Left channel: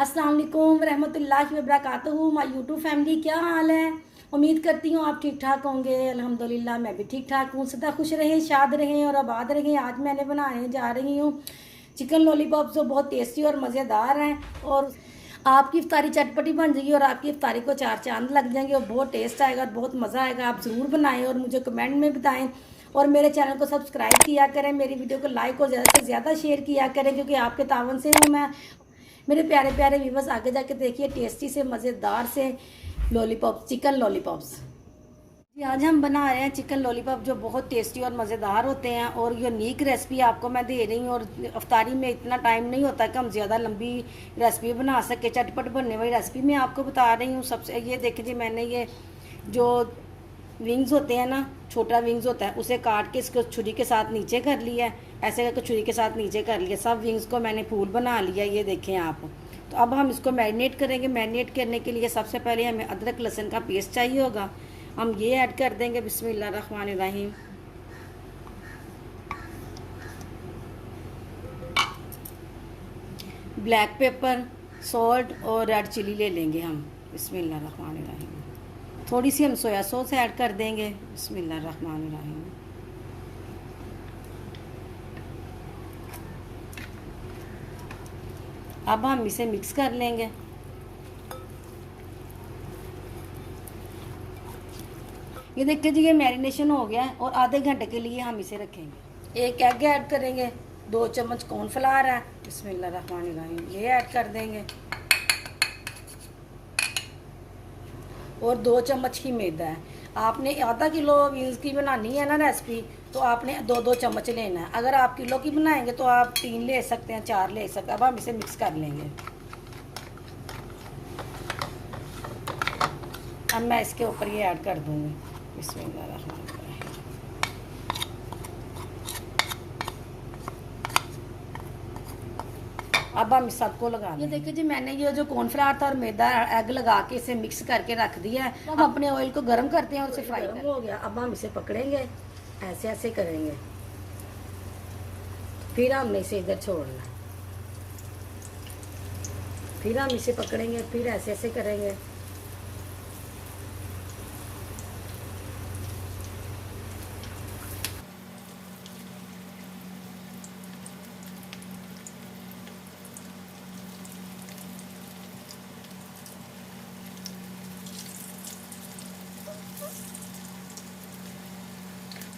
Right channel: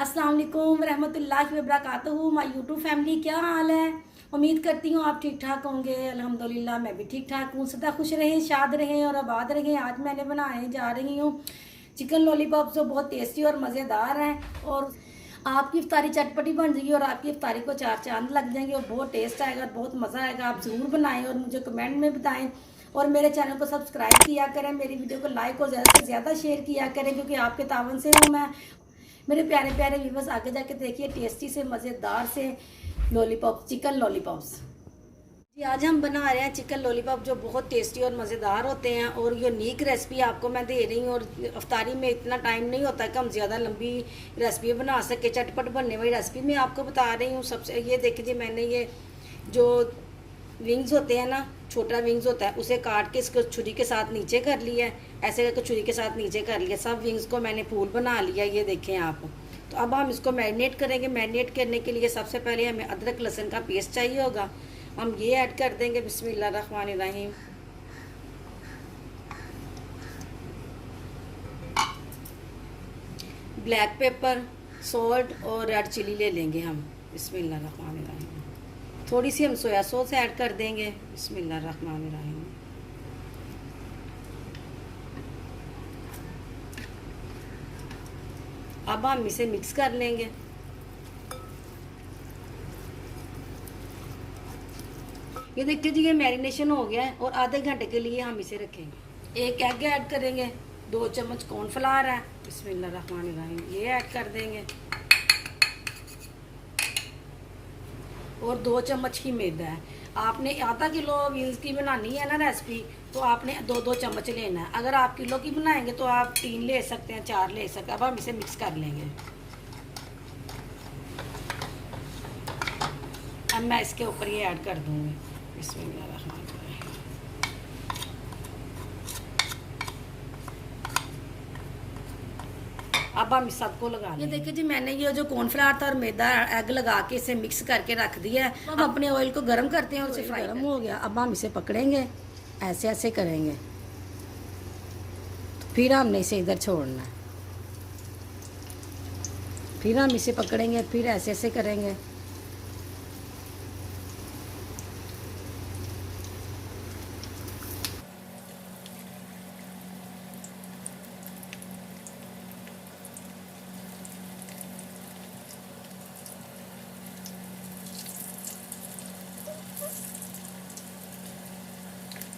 अस्सलाम वालेकुम रहमतुल्लाहि व बरकातहू। माय यूट्यूब फैमिली, क्या हाल है? उम्मीद करती हूँ आप ठीक ठाक होंगे। अल्हम्दुलिल्लाह मैं भी ठीक ठाक हूँ। सदा खुश रहें, शाद रहें और आबाद रहें। आज मैंने बनाने जा रही हूँ चिकन लॉलीपॉप जो बहुत टेस्टी और मज़ेदार हैं और आपकी इफ्तारी चटपटी बन जाएगी और आपकी इफ्तारी को चार चांद लग जाएंगे और बहुत टेस्ट आएगा और बहुत मज़ा आएगा। आप ज़रूर बनाएं और मुझे कमेंट में बताएं और मेरे चैनल को सब्सक्राइब किया करें, मेरी वीडियो को लाइक और ज़्यादा से ज़्यादा शेयर किया करें क्योंकि आपके तावन से हूँ मैं। मेरे प्यारे प्यारे व्यूवर्स, आगे जाके देखिए टेस्टी से मज़ेदार से लॉलीपॉप, चिकन लॉलीपॉप्स। जी आज हम बना रहे हैं चिकन लॉलीपॉप जो बहुत टेस्टी और मज़ेदार होते हैं और यूनिक रेसिपी आपको मैं दे रही हूँ। और अफ्तारी में इतना टाइम नहीं होता कि हम ज़्यादा लंबी रेसिपी बना सके। चटपट बनने वाली रेसिपी मैं आपको बता रही हूँ। सबसे ये देखिए, मैंने ये जो विंग्स होते हैं ना, छोटा विंग्स होता है, उसे काट के इसको छुरी के साथ नीचे कर लिया है। ऐसे करके छुरी के साथ नीचे कर लिया। सब विंग्स को मैंने फूल बना लिया, ये देखें आप। तो अब हम इसको मैरिनेट करेंगे। मैरिनेट करने के लिए सबसे पहले हमें अदरक लहसुन का पेस्ट चाहिए होगा। हम ये ऐड कर देंगे। बिस्मिल्लाहिर्रहमानिर्रहीम। ब्लैक पेपर, सॉल्ट और रेड चिली ले लेंगे हम। बिस्मिल्लाहिर्रहमानिर्रहीम। थोड़ी सी हम सोया सॉस ऐड कर देंगे। बिस्मिल्लाहिर्रहमानिर्रहीम। अब हम इसे मिक्स कर लेंगे। ये देखिए जी, ये मैरिनेशन हो गया है और आधे घंटे के लिए हम इसे रखेंगे। एक एग ऐड करेंगे, 2 चम्मच कॉर्नफ्लावर है। बिस्मिल्लाहिर्रहमानिर्रहीम, ये ऐड कर देंगे और 2 चम्मच की मैदा है। आपने आधा किलो बीन्स की बनानी है ना रेसिपी, तो आपने 2-2 चम्मच लेना है। अगर आप किलो की बनाएंगे तो आप 3 ले सकते हैं, 4 ले सकते हैं। अब हम इसे मिक्स कर लेंगे। अब मैं इसके ऊपर ये ऐड कर दूंगी। बिस्मिल्लाहिर्रहमानिर्रहीम। अब हम इस सबको लगा ये देखिए जी, मैंने ये जो कॉर्नफ्लावर था और मैदा एग लगा के इसे मिक्स करके रख दिया है। अब अपने ऑयल को गर्म करते हैं और इसे फ्राई हो गया। अब हम इसे पकड़ेंगे, ऐसे ऐसे करेंगे, फिर हमने इसे इधर छोड़ना है। फिर हम इसे पकड़ेंगे, फिर ऐसे ऐसे करेंगे।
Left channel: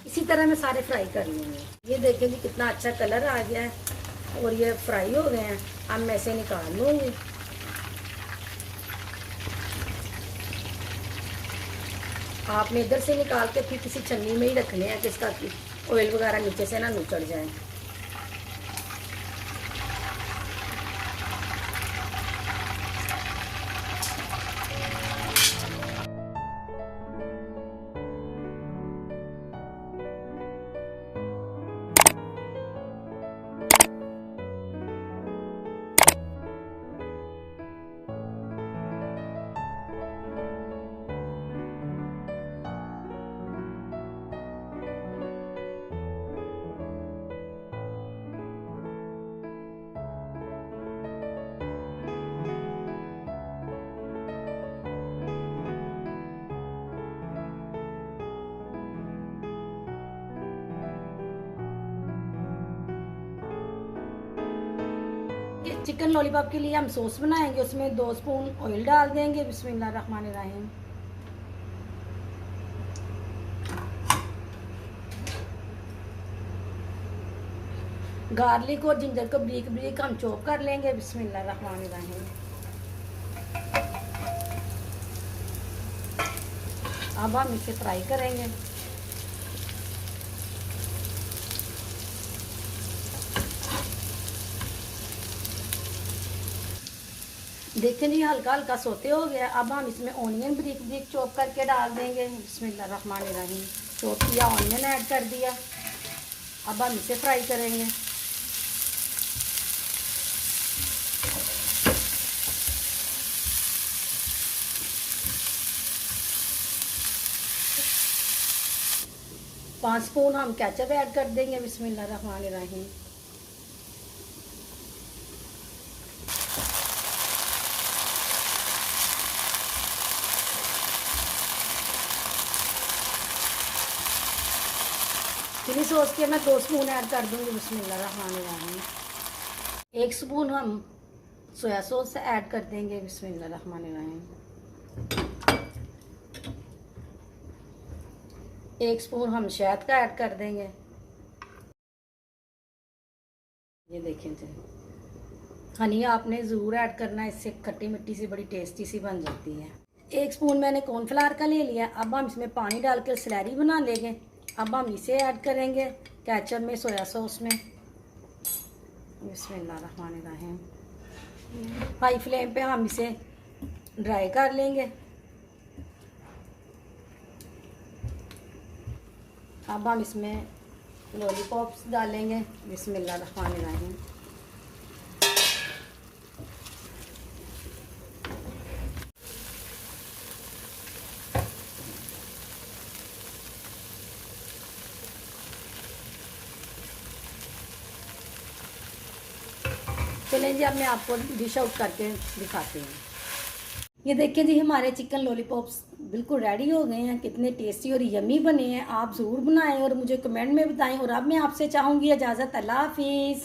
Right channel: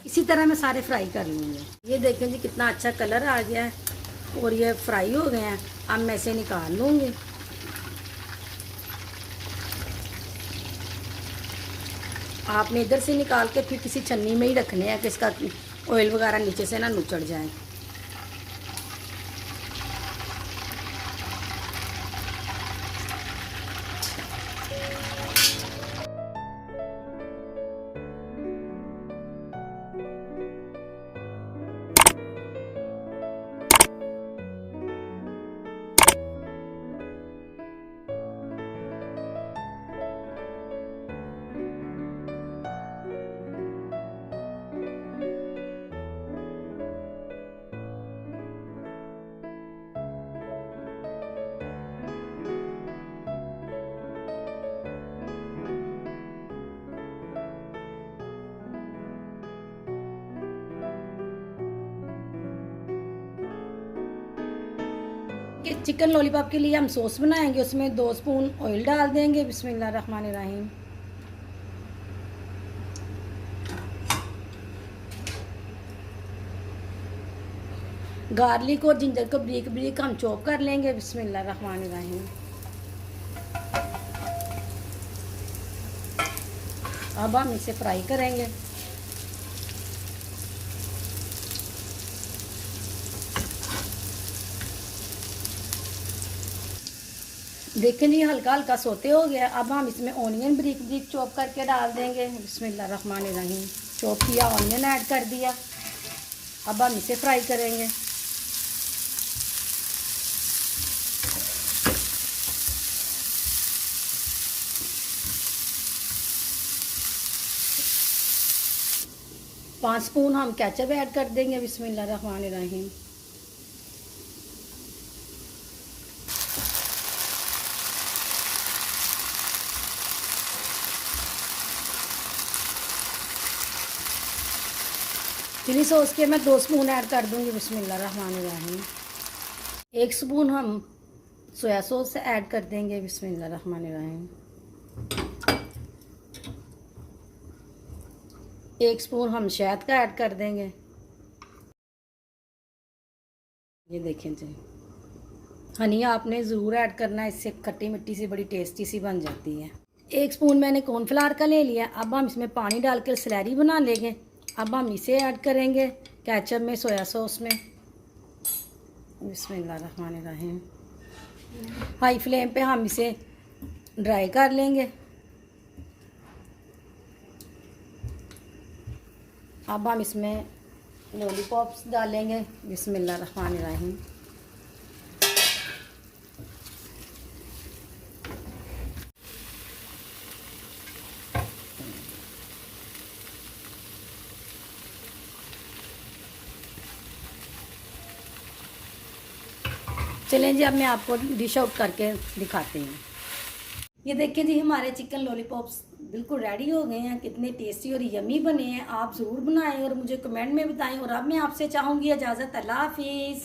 इसी तरह मैं सारे फ्राई कर लूँगी। ये देखें जी, कितना अच्छा कलर आ गया है और ये फ्राई हो गए हैं। अब मैं इसे निकाल लूँगी। आपने इधर से निकाल के फिर किसी छन्नी में ही रखने हैं कि इसका ऑयल वगैरह नीचे से ना नुचड़ जाए। चिकन लॉलीपॉप के लिए हम सॉस बनाएंगे। उसमें 2 स्पून ऑयल डाल देंगे। बिस्मिल्लाहिर्रहमानिर्रहीम। गार्लिक और जिंजर को ब्रीक ब्रीक हम चॉप कर लेंगे। बिस्मिल्लाहिर्रहमानिर्रहीम। अब हम इसे फ्राई करेंगे। देखें जी, हल्का हल्का सोते हो गया। अब हम इसमें ऑनियन ब्रीक ब्रीक चॉप करके डाल देंगे। बिस्मिल्लाहिर्रहमानिर्रहीम। चॉप किया ऑनियन ऐड कर दिया। अब हम इसे फ्राई करेंगे। पाँच स्पून हम केचप ऐड कर देंगे। बिस्मिल्लाहिर्रहमानिर्रहीम। चिली सॉस के मैं 2 स्पून ऐड कर दूंगी। बिस्मिल्लाहिर्रहमानिर्रहीम। 1 स्पून हम सोया सॉस ऐड कर देंगे। बिस्मिल्लाहिर्रहमानिर्रहीम। 1 स्पून हम शहद का ऐड कर देंगे। ये देखें जी, हनी आपने ज़रूर ऐड करना है, इससे खट्टी मिट्टी सी बड़ी टेस्टी सी बन जाती है। 1 स्पून मैंने कॉर्नफ्लावर का ले लिया। अब हम इसमें पानी डालकर स्लैरी बना लेंगे। अब हम इसे ऐड करेंगे केचप में, सोया सॉस में। बिस्मिल्लाहिर्रहमानिर्रहीम। हाई फ्लेम पे हम इसे ड्राई कर लेंगे। अब हम इसमें लॉलीपॉप्स डालेंगे। बिस्मिल्लाहिर्रहमानिर्रहीम। चलें जी, अब मैं आपको डिश आउट करके दिखाती हूँ। ये देखिए जी, हमारे चिकन लॉलीपॉप्स बिल्कुल रेडी हो गए हैं। कितने टेस्टी और यमी बने हैं। आप ज़रूर बनाएं और मुझे कमेंट में बताएं। और अब मैं आपसे चाहूँगी इजाज़त। अल्लाह हाफिज़।